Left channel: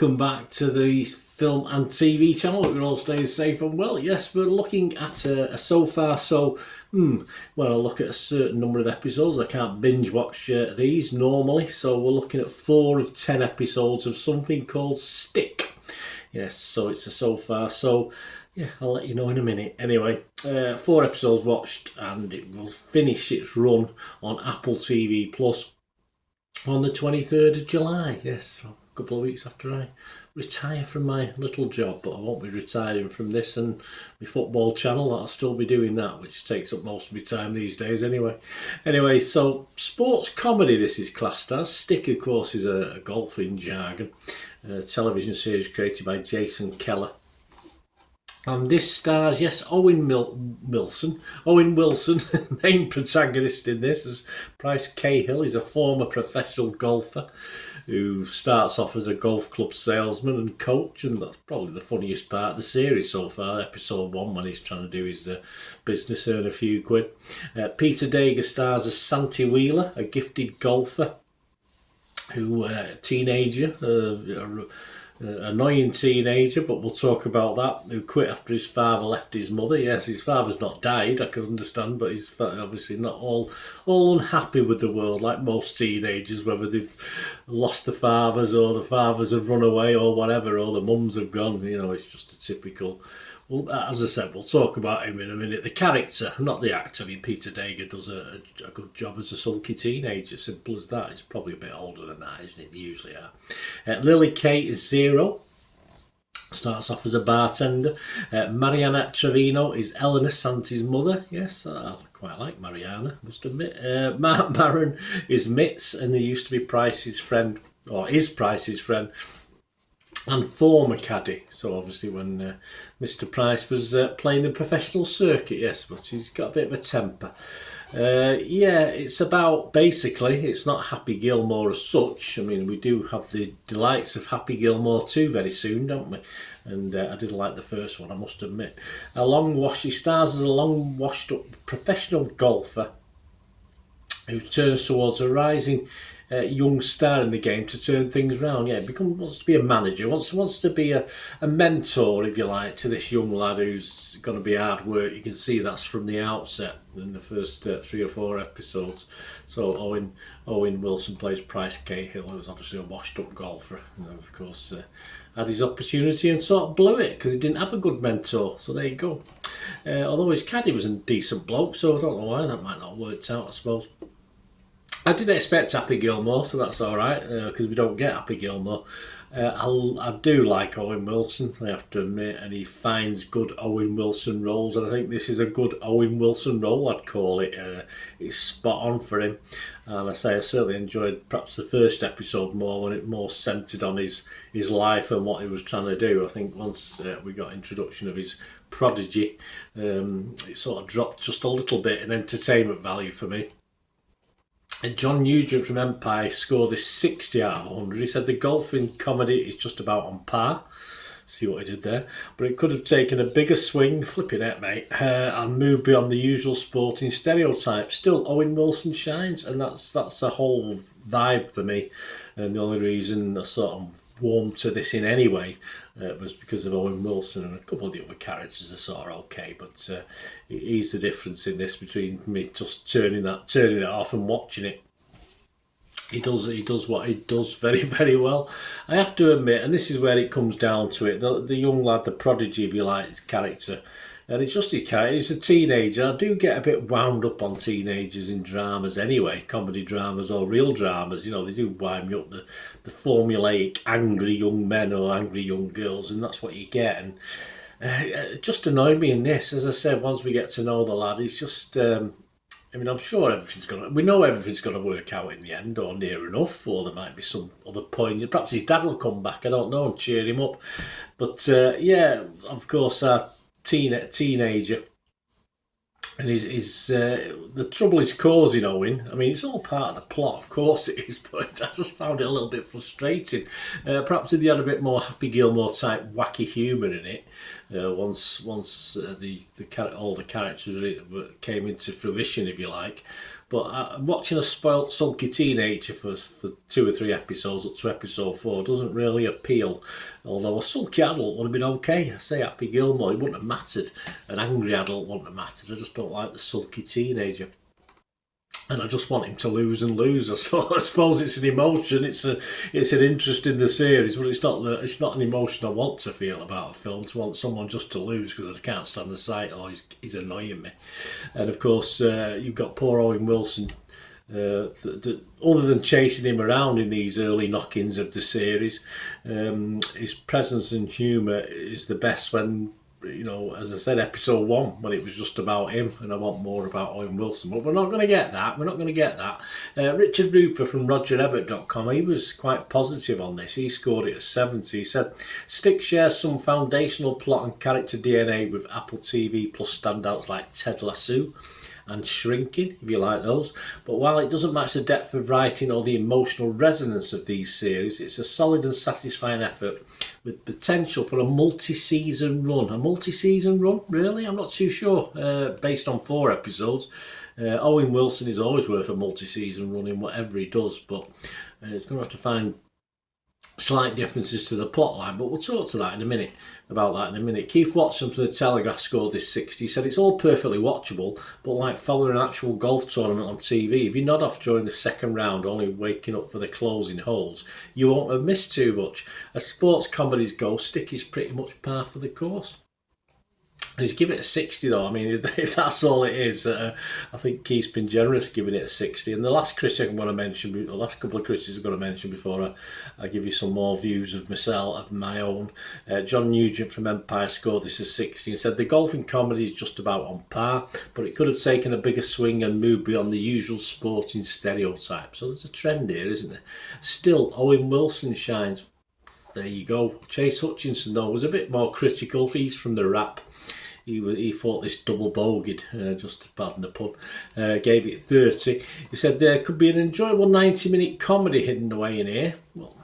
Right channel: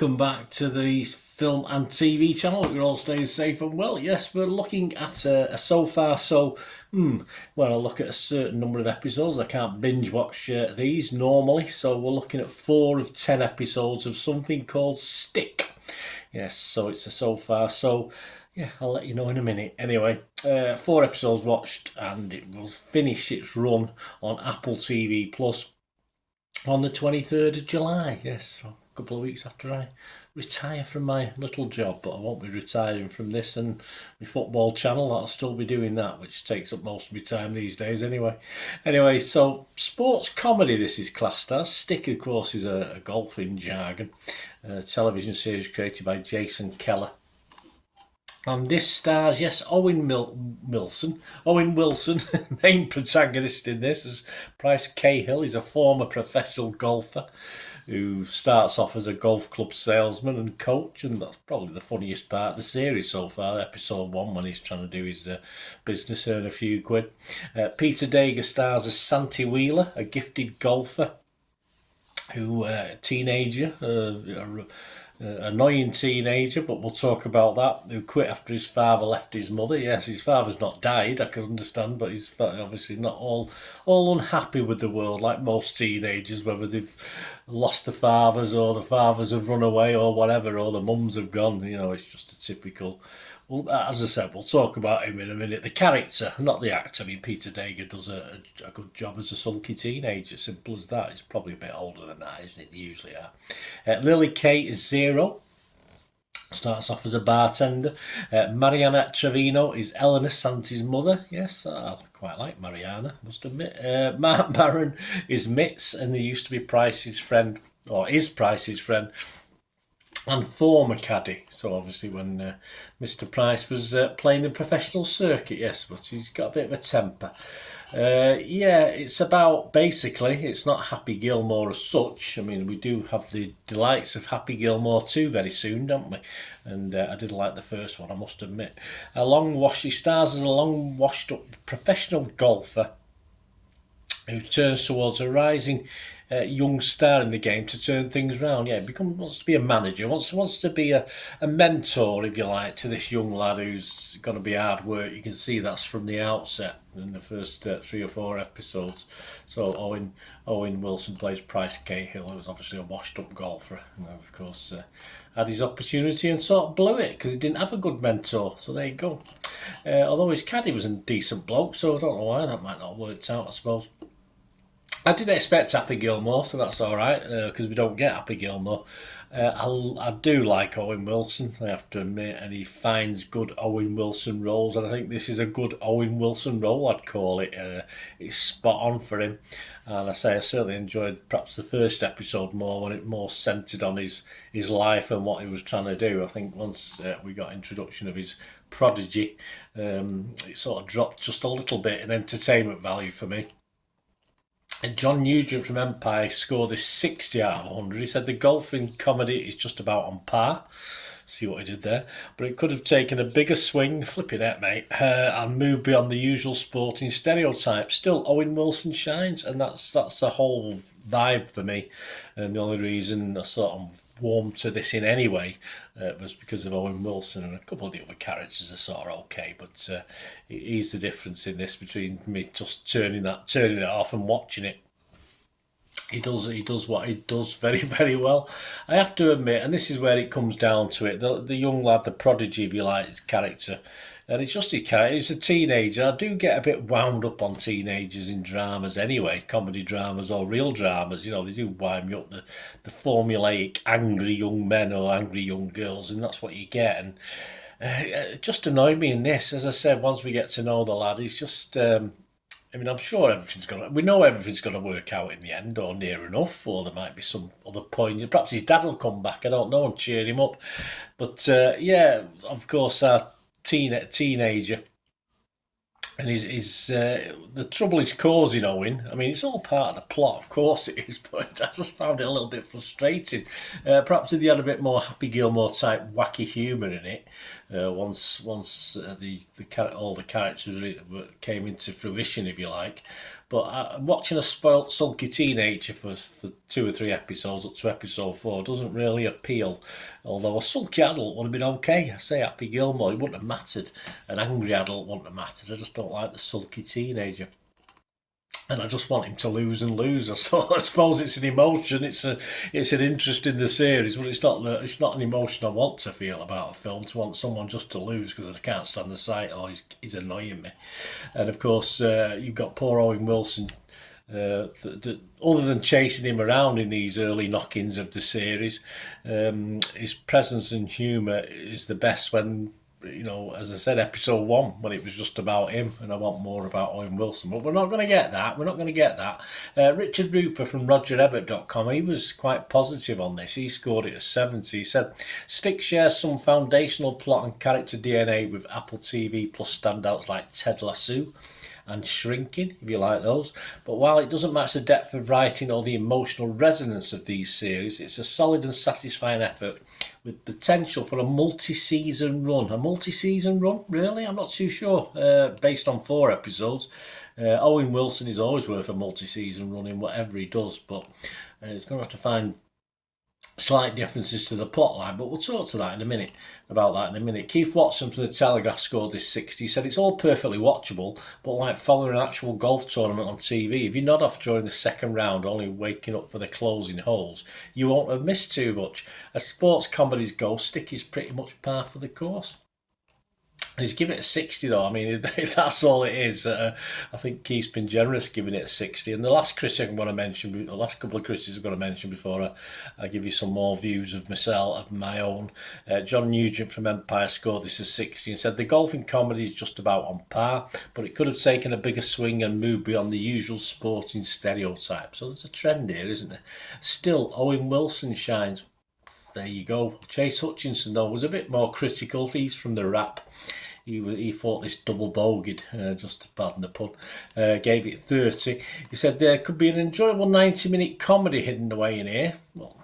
welcome back to the film and TV channel. We're all staying safe and well. Yes, we're looking at a so far so, well, I look at a certain number of episodes. I can't binge watch these normally, so we're looking at 4 of 10 episodes of something called Stick. Yes, so it's a so far so. Yeah, I'll let you know in a minute. Anyway, 4 episodes watched, and it will finish its run on Apple TV Plus on the 23rd of July. Yes, so a couple of weeks after I retire from my little job, but I won't be retiring from this and my football channel. I'll still be doing that, which takes up most of my time these days anyway. So sports comedy this is classed as. Stick, of course, is a golfing jargon, a television series created by Jason Keller. And this stars, yes, Owen Wilson, main protagonist in this, as Bryce Cahill. Is a former professional golfer who starts off as a golf club salesman and coach, and that's probably the funniest part of the series so far, episode 1, when he's trying to do his business, earn a few quid. Peter Dager stars as Santi Wheeler, a gifted golfer who, a teenager, annoying teenager, but we'll talk about that, who quit after his father left his mother. Yes, his father's not died, I can understand, but he's obviously not all unhappy with the world, like most teenagers, whether they've lost the fathers or the fathers have run away or whatever, or the mums have gone. You know, it's just a typical. Well, as I said, we'll talk about him in a minute. The character, not the actor. I mean, Peter Dager does a good job as a sulky teenager. Simple as that. He's probably a bit older than that, isn't it? They usually are. Lily Kate is Zero. Starts off as a bartender. Mariana Trevino is Eleanor Santi's mother. Yes, I quite like Mariana, must admit. Mark Maron is Mitz, and they used to be Price's friend, or is Price's friend, and former caddy. So obviously when Mr. Price was playing the professional circuit, yes, but he's got a bit of a temper. Yeah, it's about, basically, it's not Happy Gilmore as such. I mean, we do have the delights of Happy Gilmore 2 very soon, don't we? And I did like the first one, I must admit. He stars as a long washed up professional golfer who turns towards a rising young star in the game to turn things around. Yeah, wants to be a manager, wants to be a mentor, if you like, to this young lad who's going to be hard work. You can see that's from the outset in the first 3 or 4 episodes. So Owen Wilson plays Price Cahill, who's obviously a washed-up golfer, and of course had his opportunity and sort of blew it because he didn't have a good mentor. So there you go. Although his caddy was a decent bloke, so I don't know why that might not have worked out, I suppose. I didn't expect Happy Gilmore, so that's all right, because we don't get Happy Gilmore. I do like Owen Wilson, I have to admit, and he finds good Owen Wilson roles, and I think this is a good Owen Wilson role, I'd call it. It's spot on for him, and I certainly enjoyed perhaps the first episode more, when it more centred on his life and what he was trying to do. I think once we got introduction of his prodigy, it sort of dropped just a little bit in entertainment value for me. And John Nugent from Empire scored this 60 out of 100. He said the golfing comedy is just about on par. See what he did there. But it could have taken a bigger swing, flipping it, mate, and moved beyond the usual sporting stereotypes. Still, Owen Wilson shines, and that's the whole vibe for me. And the only reason I sort of warmed to this in any way was because of Owen Wilson, and a couple of the other characters are sort of okay, but he's the difference in this between me just turning it off and watching it. He does what he does very, very well. I have to admit, and this is where it comes down to it, the young lad, the prodigy, if you like, his character. And it's just his character. He's a teenager. I do get a bit wound up on teenagers in dramas anyway, comedy dramas or real dramas. You know, they do wind me up, the formulaic angry young men or angry young girls, and that's what you get. And it just annoyed me in this. As I said, once we get to know the lad, he's just... I mean, I'm sure we know everything's going to work out in the end, or near enough, or there might be some other point. Perhaps his dad will come back, I don't know, and cheer him up. But yeah, of course, our teenager, and the trouble he's causing Owen. I mean, it's all part of the plot, of course it is, but I just found it a little bit frustrating. Perhaps if they had a bit more Happy Gilmore type wacky humour in it, once all the characters came into fruition, if you like. But watching a spoilt, sulky teenager for 2 or 3 episodes up to episode 4 doesn't really appeal. Although a sulky adult would have been okay. I say Happy Gilmore, it wouldn't have mattered. An angry adult wouldn't have mattered. I just don't like the sulky teenager. And I just want him to lose and lose. I suppose it's an emotion. It's an interest in the series, but it's not an emotion I want to feel about a film. To want someone just to lose because I can't stand the sight. Oh, he's annoying me. And of course, you've got poor Owen Wilson. Other than chasing him around in these early knockings of the series, his presence and humour is the best when, as I said, episode 1, when it was just about him, and I want more about Owen Wilson. But we're not going to get that. Richard Rooper from RogerEbbett.com, he was quite positive on this. He scored it a 70. He said, Stick shares some foundational plot and character DNA with Appletv plus standouts like Ted Lasso and Shrinking, if you like those. But while it doesn't match the depth of writing or the emotional resonance of these series, it's a solid and satisfying effort with potential for a multi-season run. A multi-season run? Really? I'm not too sure. Based on 4 episodes. Owen Wilson is always worth a multi-season run in whatever he does, but he's going to have to find slight differences to the plot line, but we'll talk to that in a minute. Keith Watson from The Telegraph scored this 60. He said it's all perfectly watchable, but like following an actual golf tournament on TV, if you nod off during the second round, only waking up for the closing holes, you won't have missed too much. As sports comedies go, Stick is pretty much par for the course. He's given it a 60 though. I mean, if that's all it is, I think Keith's been generous giving it a 60. And the last critic I'm going to mention, the last couple of critics I'm going to mention before I give you some more views of myself, of my own. John Nugent from Empire scored this as 60 and said the golfing comedy is just about on par, but it could have taken a bigger swing and moved beyond the usual sporting stereotype. So there's a trend here, isn't there? Still, Owen Wilson shines. There you go. Chase Hutchinson, though, was a bit more critical. He's from the Rap. He thought this double bogeyed, just to pardon the pun, gave it 30. He said there could be an enjoyable 90-minute comedy hidden away in here. Well,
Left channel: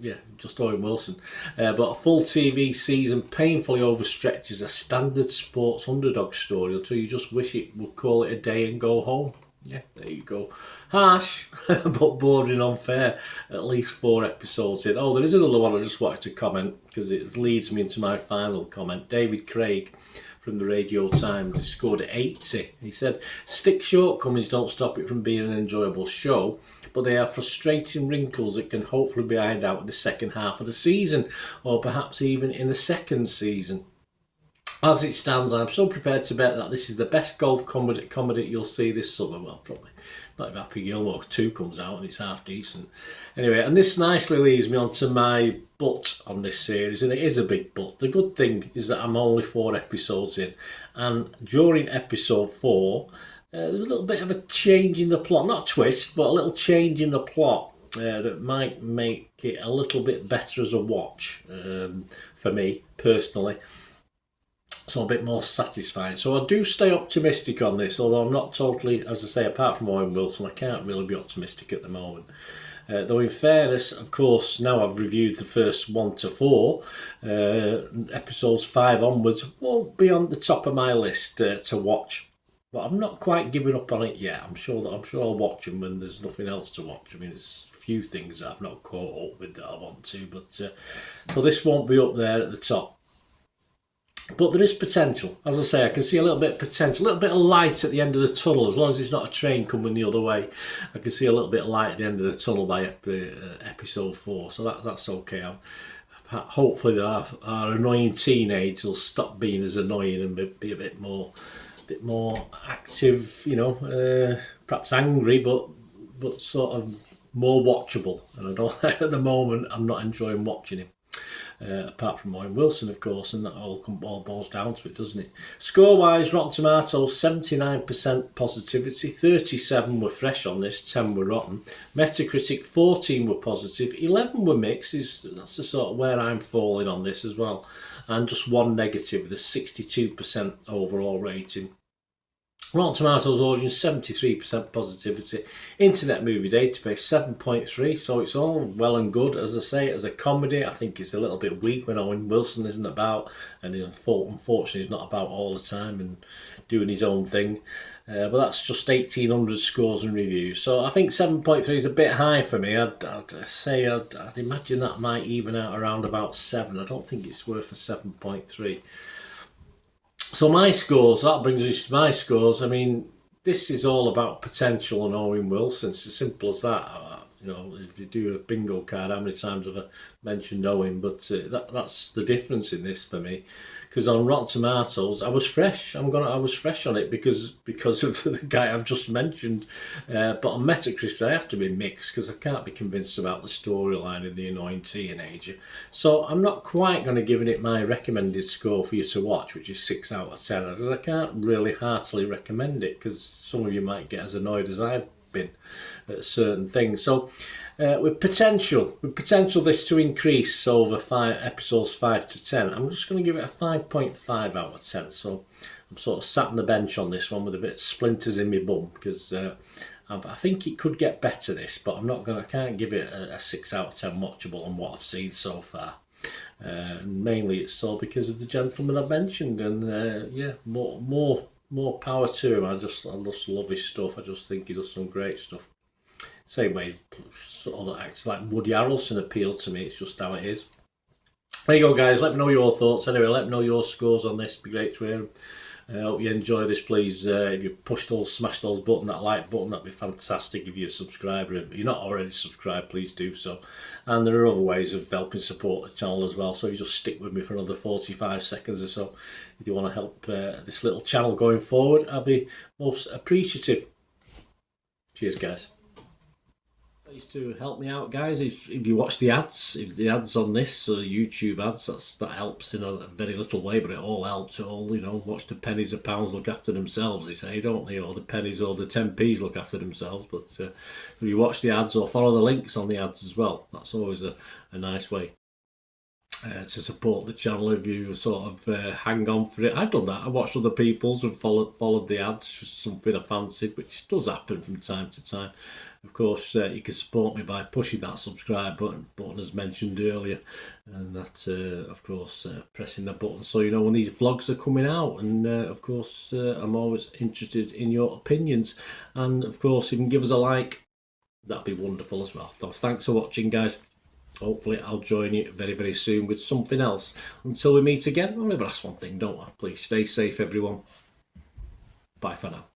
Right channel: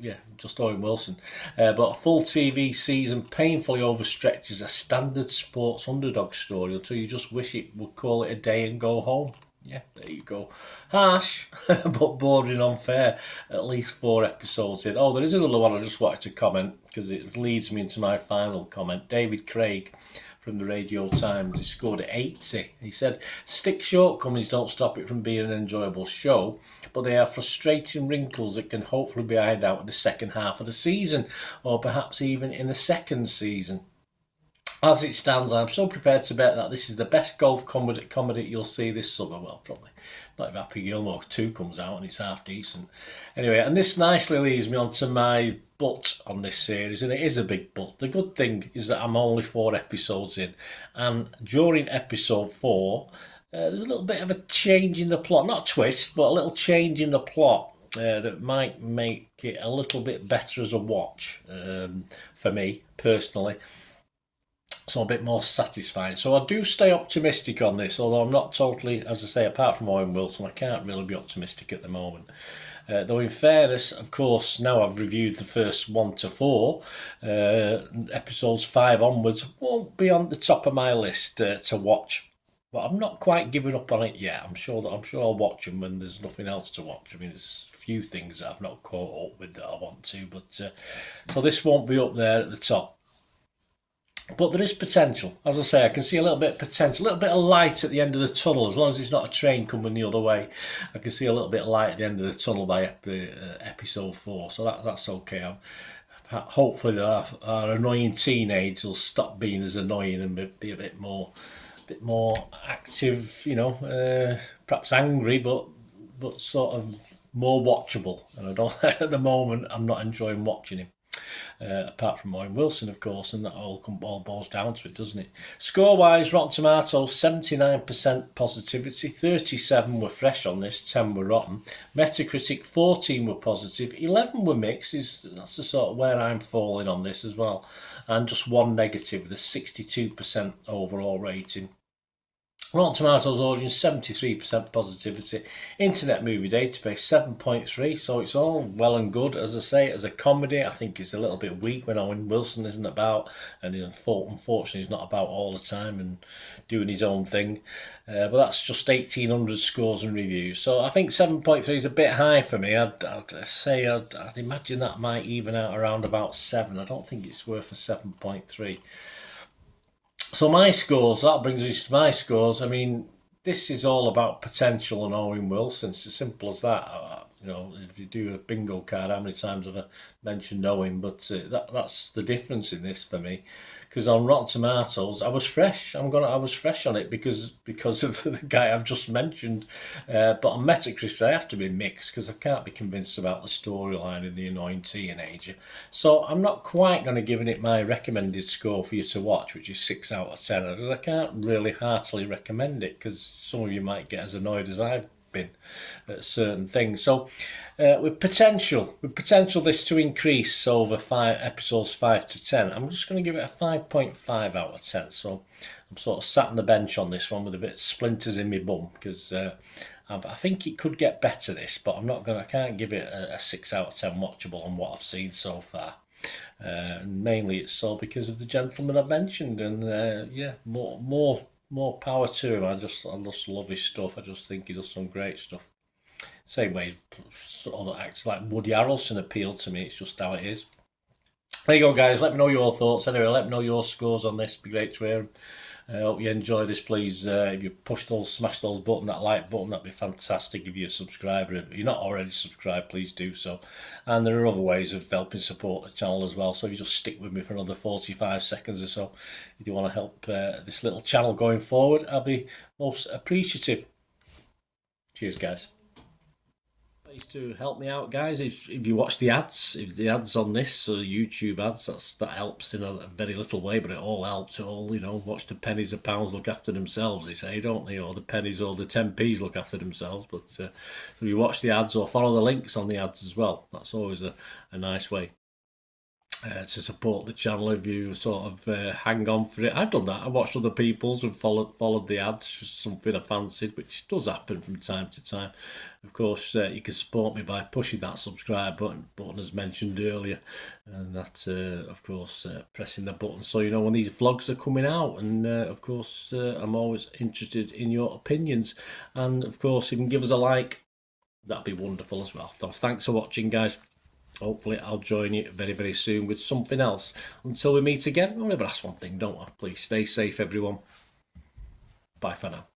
yeah, just Owen Wilson. But a full TV season painfully overstretches a standard sports underdog story until you just wish it would call it a day and go home. Yeah, there you go. Harsh, but bordering unfair. At least 4 episodes in. Oh, there is another one I just wanted to comment because it leads me into my final comment. David Craig from the Radio Times, he scored at 80. He said, Stick's shortcomings don't stop it from being an enjoyable show, but they are frustrating wrinkles that can hopefully be ironed out in the second half of the season, or perhaps even in the second season. As it stands, I'm so prepared to bet that this is the best golf comedy you'll see this summer. Well, probably not if Happy Gilmore 2 comes out and it's half decent. Anyway, and this nicely leads me on to my but on this series, and it is a big but. The good thing is that I'm only 4 episodes in, and during episode 4, there's a little bit of a change in the plot. Not a twist, but a little change in the plot that might make it a little bit better as a watch for me, personally. So a bit more satisfying. So I do stay optimistic on this, although I'm not totally, as I say, apart from Owen Wilson, I can't really be optimistic at the moment. Though in fairness, of course, now I've reviewed the first 1 to 4, episodes 5 onwards won't be on the top of my list to watch. But I've not quite given up on it yet. I'm sure I'll watch them when there's nothing else to watch. I mean, there's a few things that I've not caught up with that I want to, but so this won't be up there at the top. But there is potential. As I say, I can see a little bit of potential, a little bit of light at the end of the tunnel. As long as it's not a train coming the other way, I can see a little bit of light at the end of the tunnel by episode 4. So that's okay. Hopefully our annoying teenage will stop being as annoying and be a bit more active, perhaps angry, but sort of more watchable. And I don't, at the moment, I'm not enjoying watching him. Apart from Owen Wilson, of course, and that all boils down to it, doesn't it? Score-wise, Rotten Tomatoes, 79% positivity, 37 were fresh on this, 10 were rotten. Metacritic, 14 were positive, 11 were mixed. That's the sort of where I'm falling on this as well. And just 1 negative with a 62% overall rating. Rotten Tomatoes audience, 73% positivity. Internet Movie Database, 7.3. So it's all well and good. As I say, as a comedy, I think it's a little bit weak when Owen Wilson isn't about, and unfortunately he's not about all the time and doing his own thing. but that's just 1,800 scores and reviews. So I think 7.3 is a bit high for me. I'd say I'd imagine that might even out around about 7. I don't think it's worth a 7.3. So my scores, that brings us to my scores. I mean, this is all about potential and Owen Wilson. It's as simple as that. If you do a bingo card, how many times have I mentioned Owen? But that's the difference in this for me. Because on Rotten Tomatoes, I was fresh. I was fresh on it because of the guy I've just mentioned. But on Metacritic, I have to be mixed because I can't be convinced about the storyline and the annoying teenager. So I'm not quite going to give it my recommended score for you to watch, which is 6 out of 10. As I can't really heartily recommend it because some of you might get as annoyed as I've been at certain things. So with potential this to increase over episodes 5 to 10, I'm just going to give it a 5.5 out of 10. So I'm sort of sat on the bench on this one with a bit of splinters in my bum because I think it could get better this, but I can't give it a 6 out of 10 watchable on what I've seen so far. And mainly it's all because of the gentleman I've mentioned, and more power to him. I just love his stuff. I just think he does some great stuff. Same way other acts like Woody Harrelson appeal to me. It's just how it is. There you go, guys. Let me know your thoughts. Anyway, let me know your scores on this. It'd be great to hear. I hope you enjoy this. Please, if you smash those button, that like button, that'd be fantastic. If you're a subscriber, if you're not already subscribed, please do so. And there are other ways of helping support the channel as well. So if you just stick with me for another 45 seconds or so, if you want to help this little channel going forward, I'll be most appreciative. Cheers, guys. To help me out, guys, if you watch the ads, if the ads on this YouTube ads, that helps in a very little way, but it all helps. Watch the pennies and pounds look after themselves, they say, don't they? Or the pennies or the 10p's look after themselves. But if you watch the ads or follow the links on the ads as well, that's always a nice way to support the channel. If you sort of hang on for it, I've done that. I watched other people's and followed the ads, just something I fancied, which does happen from time to time. Of course, you can support me by pushing that subscribe button as mentioned earlier, and that's of course pressing the button so you know when these vlogs are coming out. And of course, I'm always interested in your opinions, and of course, you can give us a like. That'd be wonderful as well. So thanks for watching, guys. Hopefully I'll join you very, very soon with something else. Until we meet again, I'll never ask one thing, don't I? Please stay safe, everyone. Bye for now.